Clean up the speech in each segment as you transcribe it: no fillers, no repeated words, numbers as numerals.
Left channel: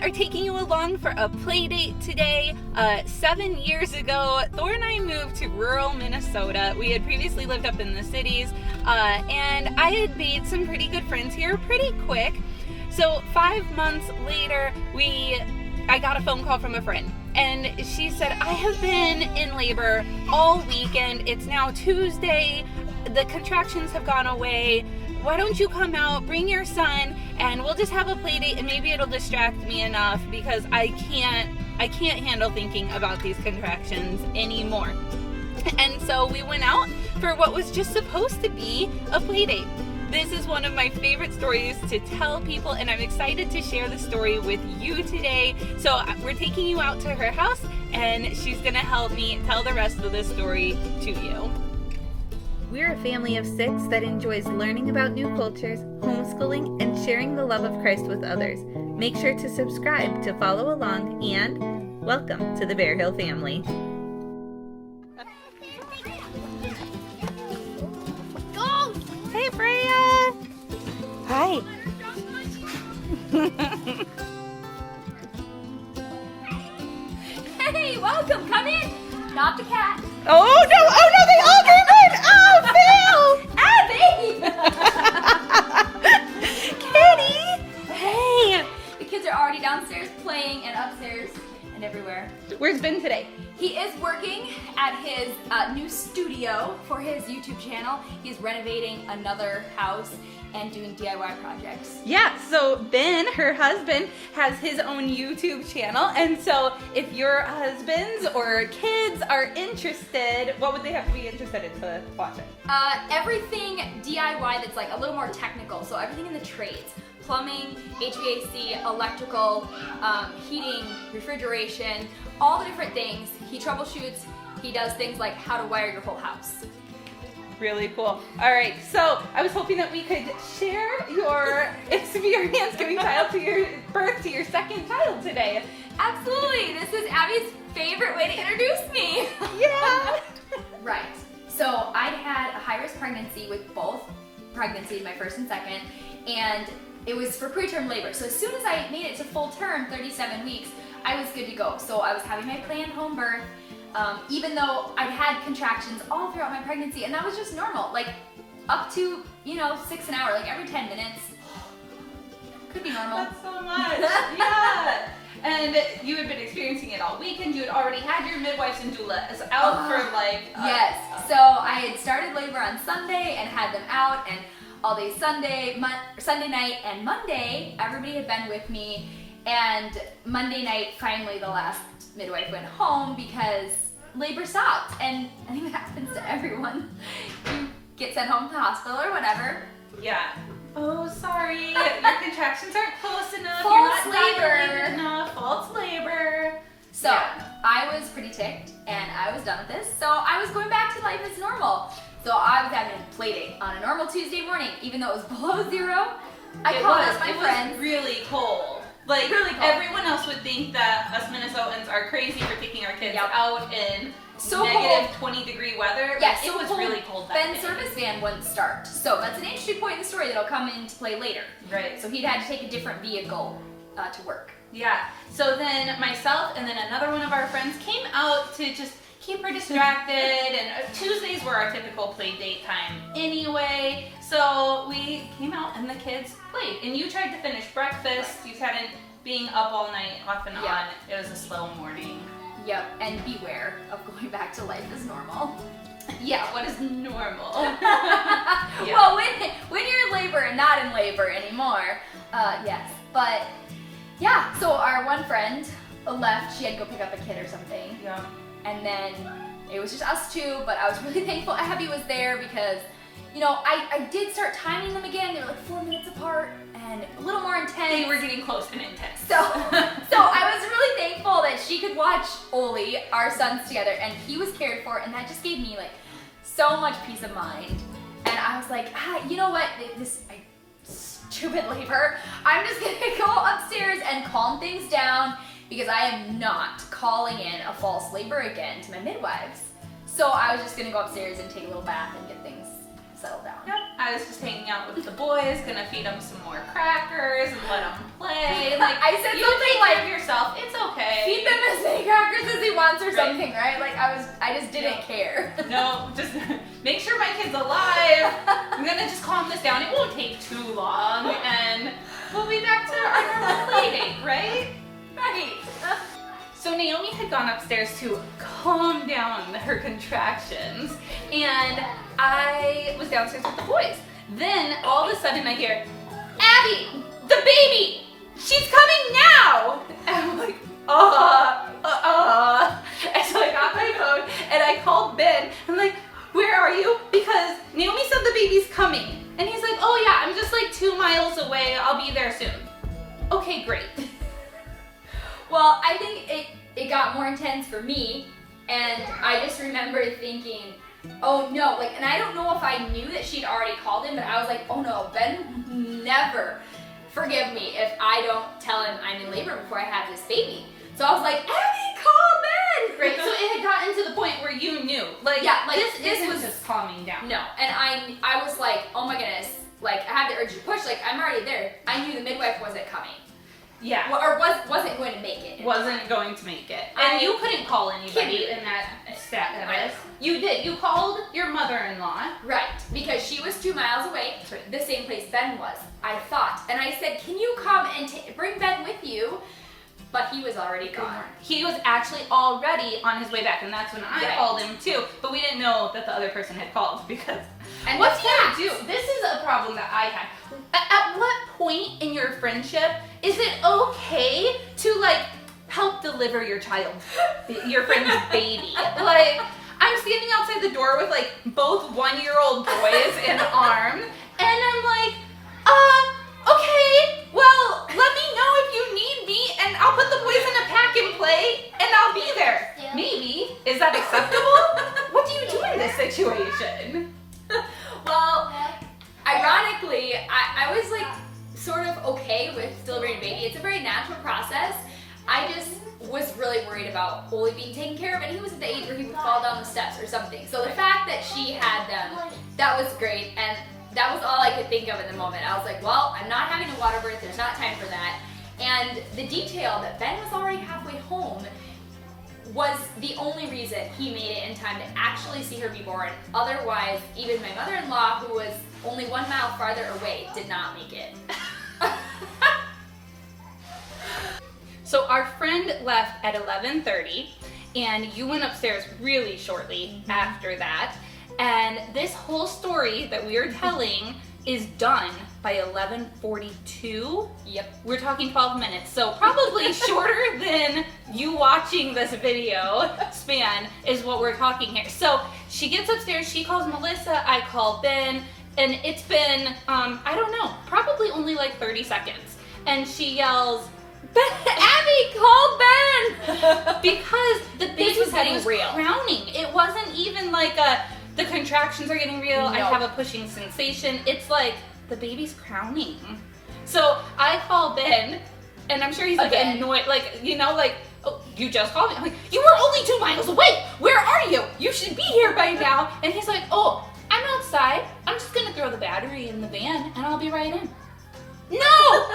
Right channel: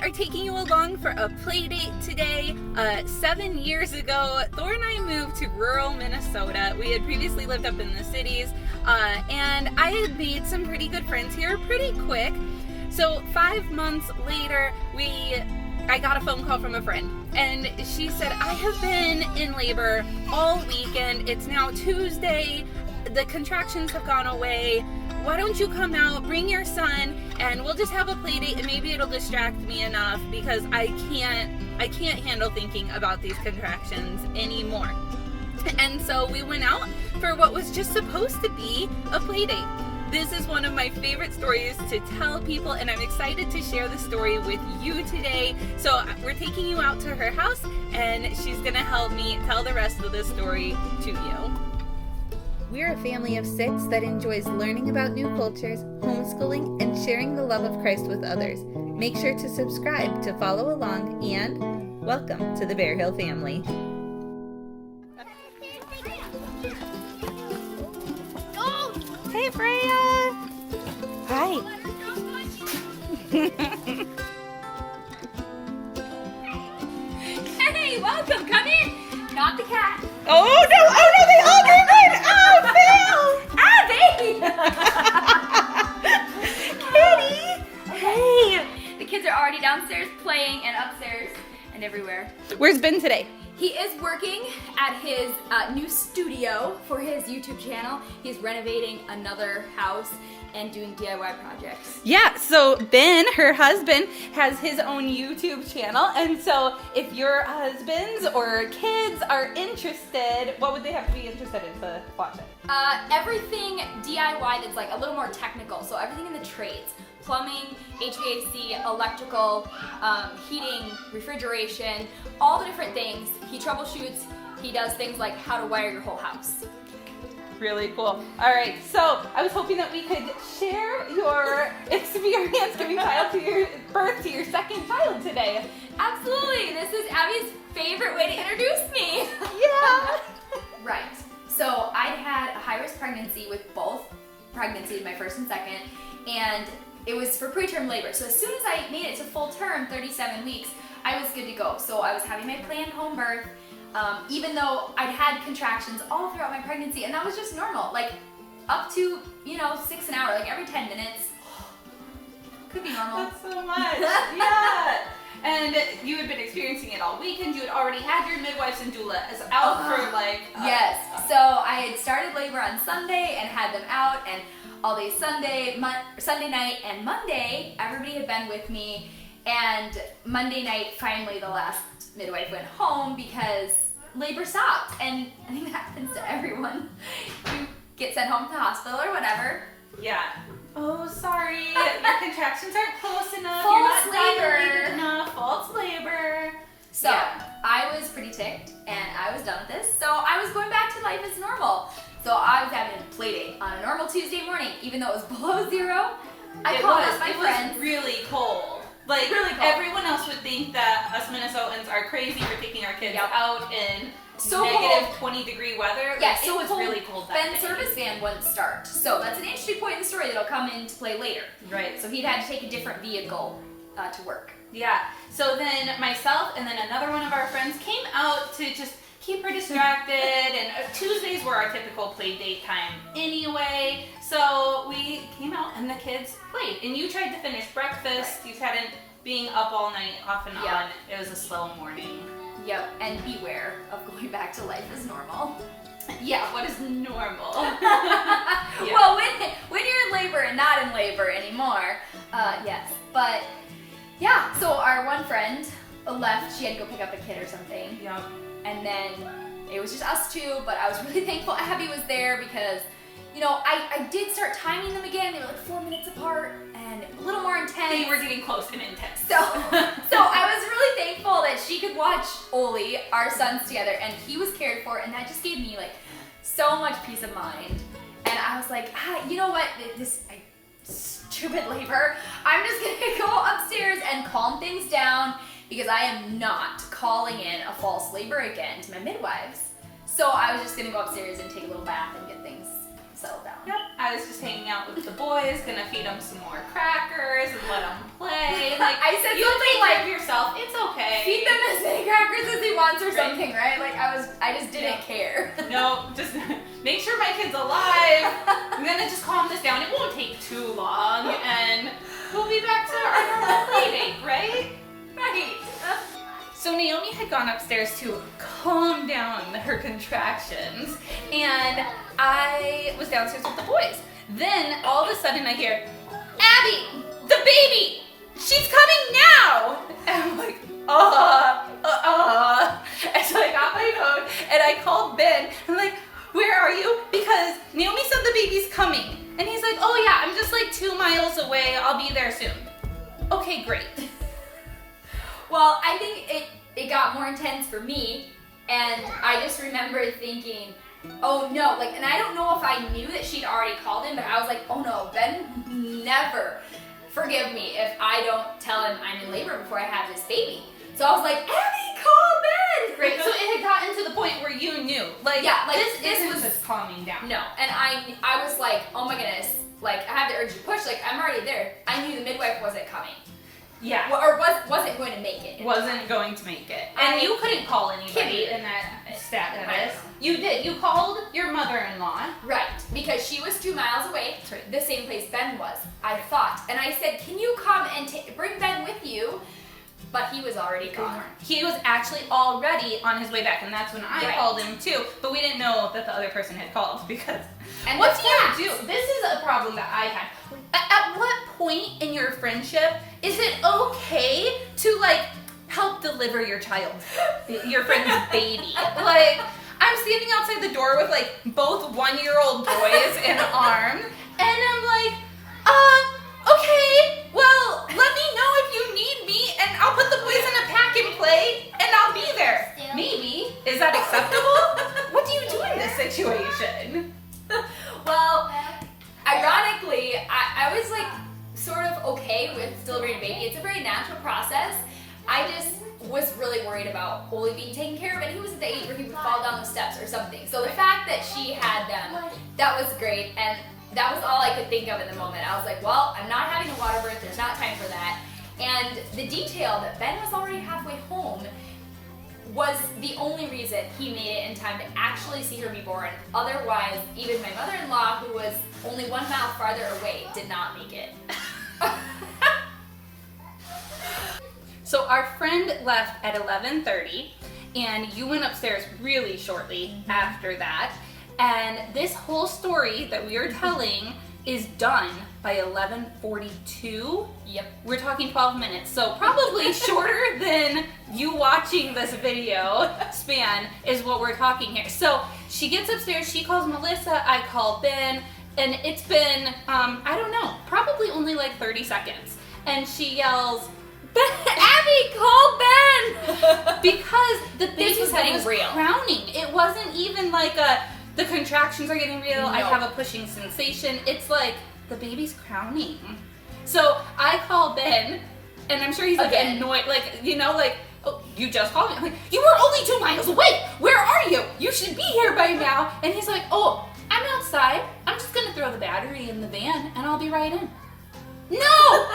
are taking you along for a play date today. 7 years ago, Thor and I moved to rural Minnesota. We had previously lived up in the cities, and I had made some pretty good friends here pretty quick. So 5 months later, I got a phone call from a friend, and she said, I have been in labor all weekend. It's now Tuesday. The contractions have gone away. Why don't you come out, bring your son, and we'll just have a play date, and maybe it'll distract me enough because I can't handle thinking about these contractions anymore. And so we went out for what was just supposed to be a play date. This is one of my favorite stories to tell people, and I'm excited to share the story with you today. So we're taking you out to her house, and she's gonna help me tell the rest of the story to you. We're a family of 6 that enjoys learning about new cultures, homeschooling, and sharing the love of Christ with others. Make sure to subscribe to follow along, and welcome to the Bear Hill family. Hey, Freya! Hi. Hey, welcome. Come in. Not the cat. Oh no, they all came in! Oh, Ah, Kitty. Hey. The kids are already downstairs playing and upstairs and everywhere. Phil! Where's Ben today? He is working at his new studio for his YouTube channel. He's renovating another house and doing DIY projects. Yeah, so Ben, her husband, has his own YouTube channel, and so if your husbands or kids are interested, what would they have to be interested in to watch it? Everything DIY that's like a little more technical, so everything in the trades. Plumbing, HVAC, electrical, heating, refrigeration, all the different things. He troubleshoots, he does things like how to wire your whole house. Really cool. All right, so I was hoping that we could share your experience giving birth to your second child today. Absolutely, this is Abby's favorite way to introduce me. Yeah. Right, so I'd had a high-risk pregnancy with both pregnancies, my first and second, and it was for preterm labor. So as soon as I made it to full term, 37 weeks, I was good to go. So I was having my planned home birth, even though I'd had contractions all throughout my pregnancy, and that was just normal, like up to, 6 an hour, like every 10 minutes. Could be normal. That's so much. Yeah. And you had been experiencing it all weekend. You had already had your midwives and doulas out for Yes. So I had started labor on Sunday and had them out, and all day Sunday night, and Monday, everybody had been with me, and Monday night, finally the last midwife went home because labor stopped, and I think that happens to everyone. You get sent home to the hospital or whatever. Yeah. Oh, sorry. Your contractions aren't close enough. False You're not labor. dilated enough. False labor. So Yeah. I was pretty ticked, and I was done with this, so I was going back to life as normal. So I was having a play date on a normal Tuesday morning, even though it was below zero. I called up my friends. It was really cold. Like, Really cold. everyone else would think that us Minnesotans are crazy for taking our kids Yep. out in So negative 20-degree weather. Yeah, Like, so it was cold, really cold that Ben's day. service van wouldn't start. So that's an interesting point in the story that'll come into play later. Right. So he'd had to take a different vehicle to work. Yeah. So then myself and then another one of our friends came out to just keep her distracted, and Tuesdays were our typical play date time anyway. So we came out and the kids played. And you tried to finish breakfast. Right. You hadn't being up all night off and Yeah. on. It was a slow morning. Yep, and beware of going back to life as normal. Yeah, what is normal? Well, when you're in labor and not in labor anymore, yes. But yeah, so our one friend left. She had to go pick up a kid or something. Yeah. And then it was just us two, but I was really thankful Abby was there because, I did start timing them again. They were like 4 minutes apart and a little more intense. They were getting close and intense. So I was really thankful that she could watch Oli, our sons, together, and he was cared for, and that just gave me so much peace of mind. And I was like, you know what, stupid labor, I'm just gonna go upstairs and calm things down because I am not calling in a false labor again to my midwives. So I was just gonna go upstairs and take a little bath and get things settled down. Yep. I was just hanging out with the boys, gonna feed them some more crackers and let them play. Like, I said you something take like, care of yourself. It's okay. feed them as many crackers as he wants or Right. something, right? Like I just didn't care. No, just make sure my kid's alive. I'm gonna just calm this down. It won't take too long, and we'll be back to our normal play date, right? Right. So Naomi had gone upstairs to calm down her contractions, and I was downstairs with the boys. Then all of a sudden I hear, Abby, the baby, she's coming now. And I'm like, And so I got my phone and I called Ben. I'm like, where are you? Because Naomi said the baby's coming. And he's like, oh yeah, I'm just like 2 miles away. I'll be there soon. Okay, great. Well, I think it got more intense for me, and I just remember thinking, oh no, like, and I don't know if I knew that she'd already called him, but I was like, oh no, Ben never forgive me if I don't tell him I'm in labor before I have this baby. So I was like, Abby, call Ben! Right, so it had gotten to the point where you knew, like, Yeah, like, this this isn't was- just calming down. No, and I was like, oh my goodness, like, I have the urge to push, like, I'm already there. I knew the midwife wasn't coming. Yeah. Or wasn't going to make it. Wasn't going to make it. And I you couldn't call anybody couldn't. in that status. Right. You did. You called your mother-in-law. Right, because she was 2 miles away, Right. the same place Ben was, I thought. And I said, can you come and bring Ben with you? But he was already gone. He was actually already on his way back, and that's when I Right. called him too. But we didn't know that the other person had called because. And What the do you fact- do? This is a problem that I had. At what point in your friendship is it okay to like help deliver your child, your friend's baby? Like, I'm standing outside the door with like both 1-year-old boys in arms, and I'm like, okay, well, let me know if you need me, and I'll put the boys in a pack and play, and I'll be there. Maybe. Is that acceptable? What do you do in this situation? Well, ironically, I was like sort of okay with delivering a baby. It's a very natural process. I just was really worried about Oli being taken care of, and he was at the age where he would fall down the steps or something. So the fact that she had them, that was great, and that was all I could think of in the moment. I was like, well, I'm not having a water birth, there's not time for that. And the detail that Ben was already halfway home was the only reason he made it in time to actually see her be born. Otherwise, even my mother-in-law, who was only 1 mile farther away, did not make it. So our friend left at 11:30, and you went upstairs really shortly after that. And this whole story that we are telling is done by 11:42. Yep. We're talking 12 minutes, so probably shorter than you watching this video span is what we're talking here. So she gets upstairs, she calls Melissa, I call Ben, and it's been, I don't know, probably only like 30 seconds. And she yells, Abby, call Ben! Because this was getting real. crowning. It wasn't even like the contractions are getting real, I No. have a pushing sensation. It's like, the baby's crowning. So I call Ben, and I'm sure he's like Again. annoyed, like, you know, like, oh, you just called me. I'm like, you were only 2 miles away. Where are you? You should be here by now. And he's like, oh, I'm outside. I'm just gonna throw the battery in the van, and I'll be right in. No!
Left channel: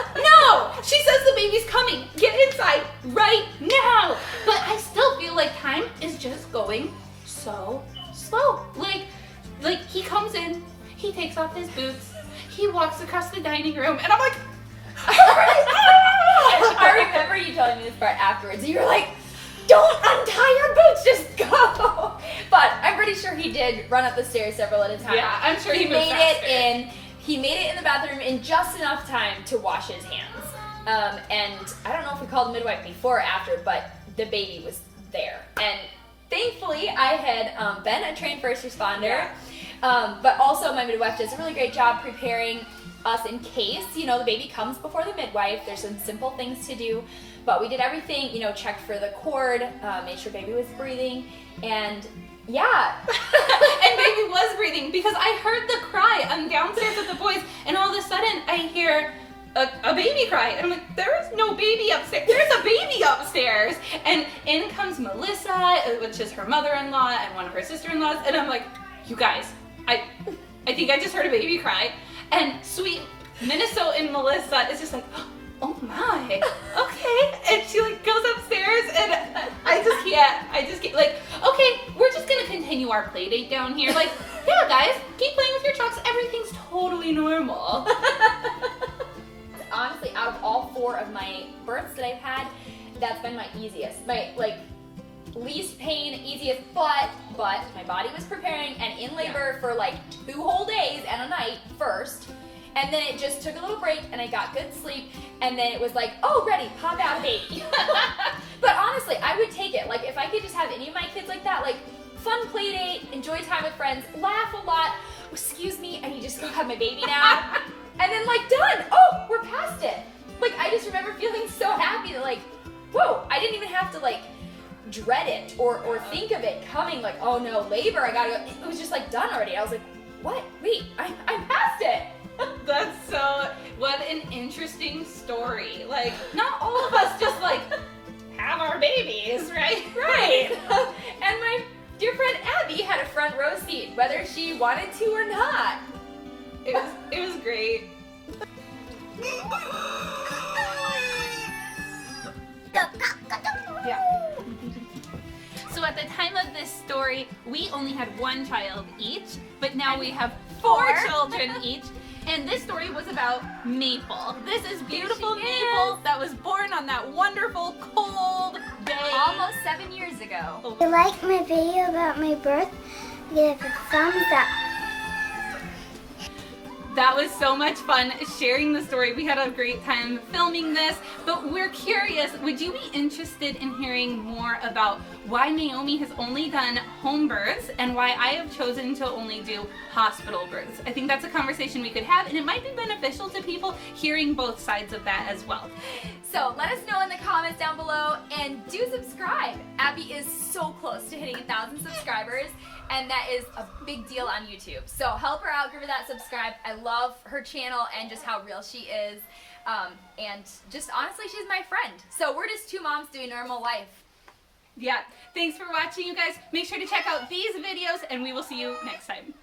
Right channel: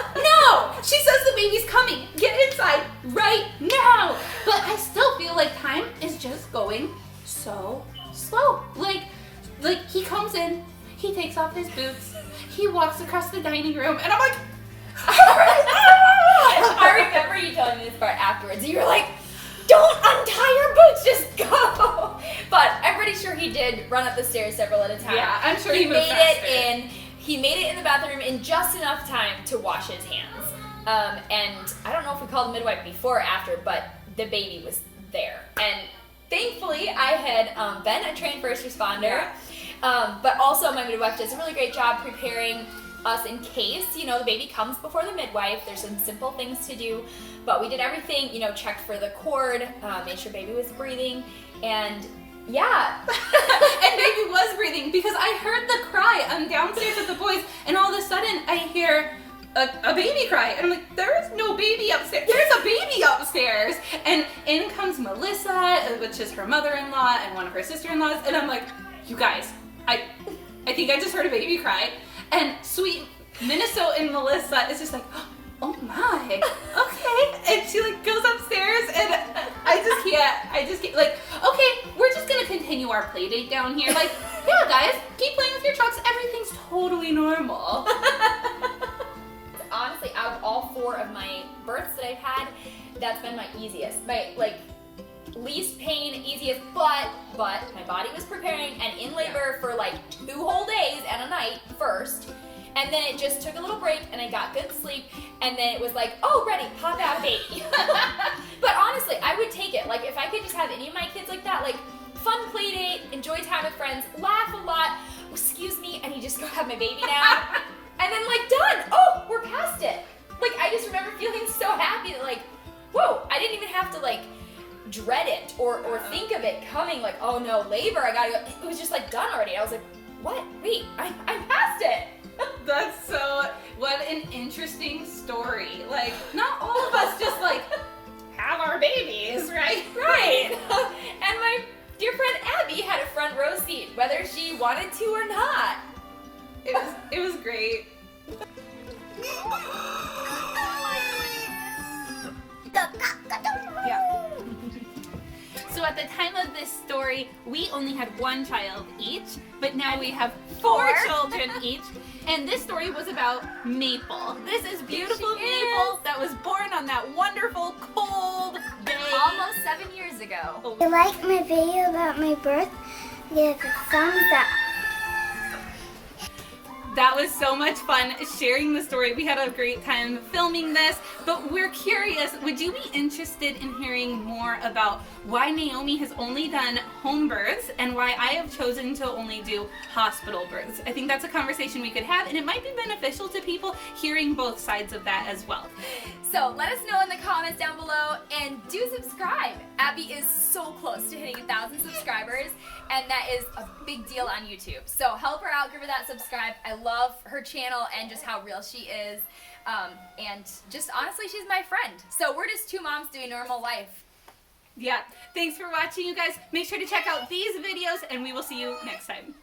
She says the baby's coming. Get inside right now. But I still feel like time is just going so slow. Like he comes in, he takes off his boots, he walks across the dining room, and I'm like, I remember you telling me this part afterwards. You were like, don't untie your boots, just go. But I'm pretty sure he did run up the stairs several at a time. yeah, I'm sure he moved made faster. it in. He made it in the bathroom in just enough time to wash his hands. And I don't know if we called the midwife before or after, but the baby was there. And thankfully, I had been a trained first responder. But also my midwife does a really great job preparing us in case, you know, the baby comes before the midwife. There's some simple things to do, but we did everything, you know, checked for the cord, made sure baby was breathing, and yeah. And baby was breathing because I heard the cry. I'm downstairs with the boys, and all of a sudden I hear a baby cry. And I'm like, there is no baby upstairs. There's a baby upstairs. And in comes Melissa, which is her mother-in-law, and one of her sister-in-laws. And I'm like, you guys, I think I just heard a baby cry. And sweet Minnesotan Melissa is just like, oh my, okay. And she like goes upstairs and I just can't, like, okay, we're just gonna continue our play date down here. Like, yeah guys, keep playing with your trucks, everything's totally normal. Honestly, out of all 4 of my births that I've had, that's been my easiest. My like least pain, easiest, but my body was preparing and in labor for like 2 whole days and a night first. And then it just took a little break and I got good sleep. And then it was like, oh, ready, pop out baby. But honestly, I would take it. Like if I could just have any of my kids like that, like fun play date, enjoy time with friends, laugh a lot. Excuse me, I need to just go have my baby now. And then like done. Oh, we're past it. Like I just remember feeling so happy that like, whoa, I didn't even have to like dread it or think of it coming like, oh no, labor, I gotta go. It was just like done already. I was like, what? Wait, I'm past it. That's so, what an interesting story. Like, not all of us just like have our babies, right? Right. And my dear friend Abby had a front row seat, whether she wanted to or not. It was great. Yeah. So at the time of this story, we only had 1 child each, but now we have 4 children each. And this story was about Maple. This is beautiful Maple that was born on that wonderful cold day. Almost 7 years ago. If you like my video about my birth, give a thumbs up. That was so much fun sharing the story. We had a great time filming this, but we're curious, would you be interested in hearing more about why Naomi has only done home births and why I have chosen to only do hospital births? I think that's a conversation we could have, and it might be beneficial to people hearing both sides of that as well. So let us know in the comments down below and do subscribe. Abby is so close to hitting 1,000 subscribers. And that is a big deal on YouTube. So help her out, give her that subscribe. I love her channel and just how real she is. And just honestly, she's my friend. So we're just 2 moms doing normal life. Yeah, thanks for watching, you guys. Make sure to check out these videos and we will see you next time.